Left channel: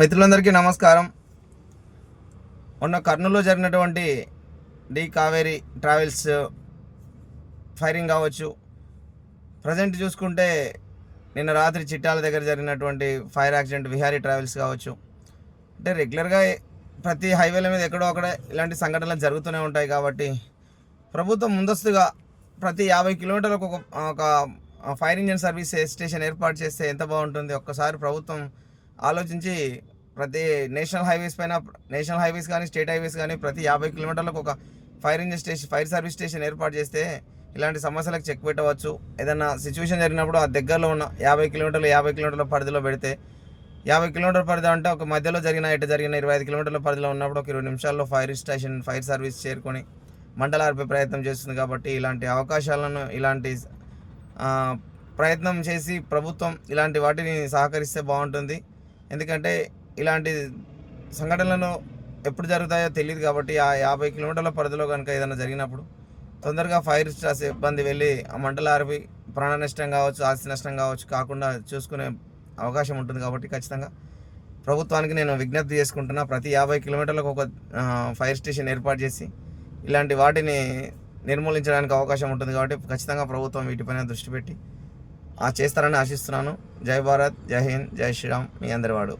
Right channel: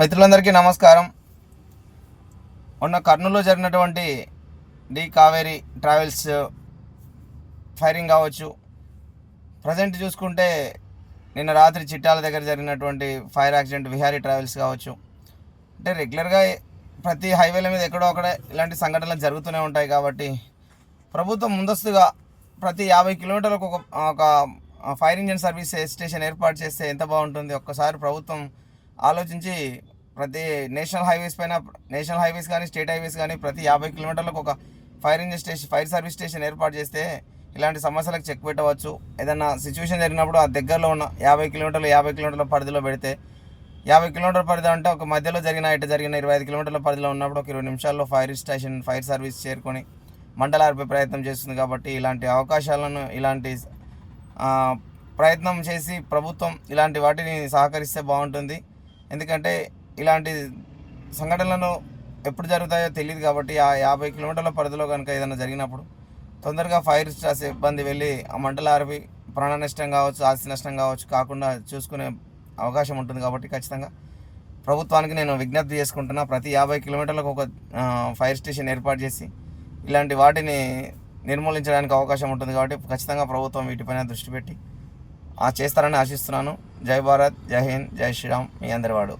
మిత్రులందరికీ నమస్కారం. మొన్న కర్నూలులో జరిగినటువంటి డి కావేరీ ట్రావెల్స్ ఫైరింగ్ కావచ్చు, ప్రజెంట్ చూసుకుంటే నిన్న రాత్రి చిట్టాల దగ్గర జరిగినటువంటి ఫైర్ యాక్సిడెంట్ విహారీ ట్రావెల్స్ కావచ్చు. అంటే రెగ్యులర్గా ప్రతి హైవేల మీద ఎక్కడో అక్కడ ఇలాంటి సంఘటనలు జరుగుతూనే ఉంటాయి. కాబట్టి ప్రభుత్వం ముందస్తుగా ప్రతి 50 కిలోమీటర్లకు ఒక ఫైర్ ఇంజిన్ సర్వీస్ స్టేషన్ ఏర్పాటు చేస్తే ఎంత బాగుంటుంది. ఒక్కసారి ప్రభుత్వం ఆలోచించి ప్రతి నేషనల్ హైవేస్ కానీ స్టేట్ హైవేస్ కానీ ప్రతి 50 కిలోమీటర్లకు ఒక ఫైర్ సర్వీస్ స్టేషన్ ఏర్పాటు చేస్తే ఇలాంటి సమస్యలకు చెక్ పెట్టవచ్చు. ఏదైనా సిచ్యువేషన్ జరిగినప్పుడు ఆ దగ్గరలో ఉన్న 50 కిలోమీటర్ల పరిధిలో పెడితే, 50 కిలోమీటర్ల పరిధి అంటే ఒక మధ్యలో ఇటు జరిగిన 25 కిలోమీటర్ల పరిధిలో ఉన్నప్పుడు ఒక 20 నిమిషాల్లో ఫైర్ సర్వీస్ చేరుకొని మంటలు ఆర్పే ప్రయత్నం చేస్తుంది. కాబట్టి ఇలాంటి అవకాశాలను ప్రయత్నం చేసి ప్రభుత్వం ఇలాంటి వాటిని సహకరిస్తే బాగుంటుంది. ఎందుకంటే ఇలాంటి సంఘటనలను ఎప్పుడు జరుగుతాయో తెలియదు. కాబట్టి ఆ 50 కిలోమీటర్ల పరిధిలో కనుక ఏదైనా జరిగినప్పుడు తొందరగా ఫైర్ సిబ్బంది వెళ్ళి ఆ మంటలు ఆర్పి ప్రాణ నష్టం కావచ్చు, ఆస్తి నష్టం కావచ్చు కాకుండా చూసుకునే అవకాశం ఉంటుంది. కాబట్టి ఖచ్చితంగా ప్రభుత్వానికి నేను విజ్ఞప్తి చేసుకుంటున్నా, ప్రతి 50 కిలోమీటర్లకు ఒక ఫైర్ స్టేషన్ ఏర్పాటు చేసి ఇలాంటి వాటిని నిర్మూలించడానికి అవకాశం ఉంటుంది. కాబట్టి ఖచ్చితంగా ప్రభుత్వం వీటిపైన దృష్టి పెట్టి చేస్తారని ఆశిస్తున్నాను. జై భారత్, జై హింద్, జై శ్రీరామ్. మీ అందరి వాడు.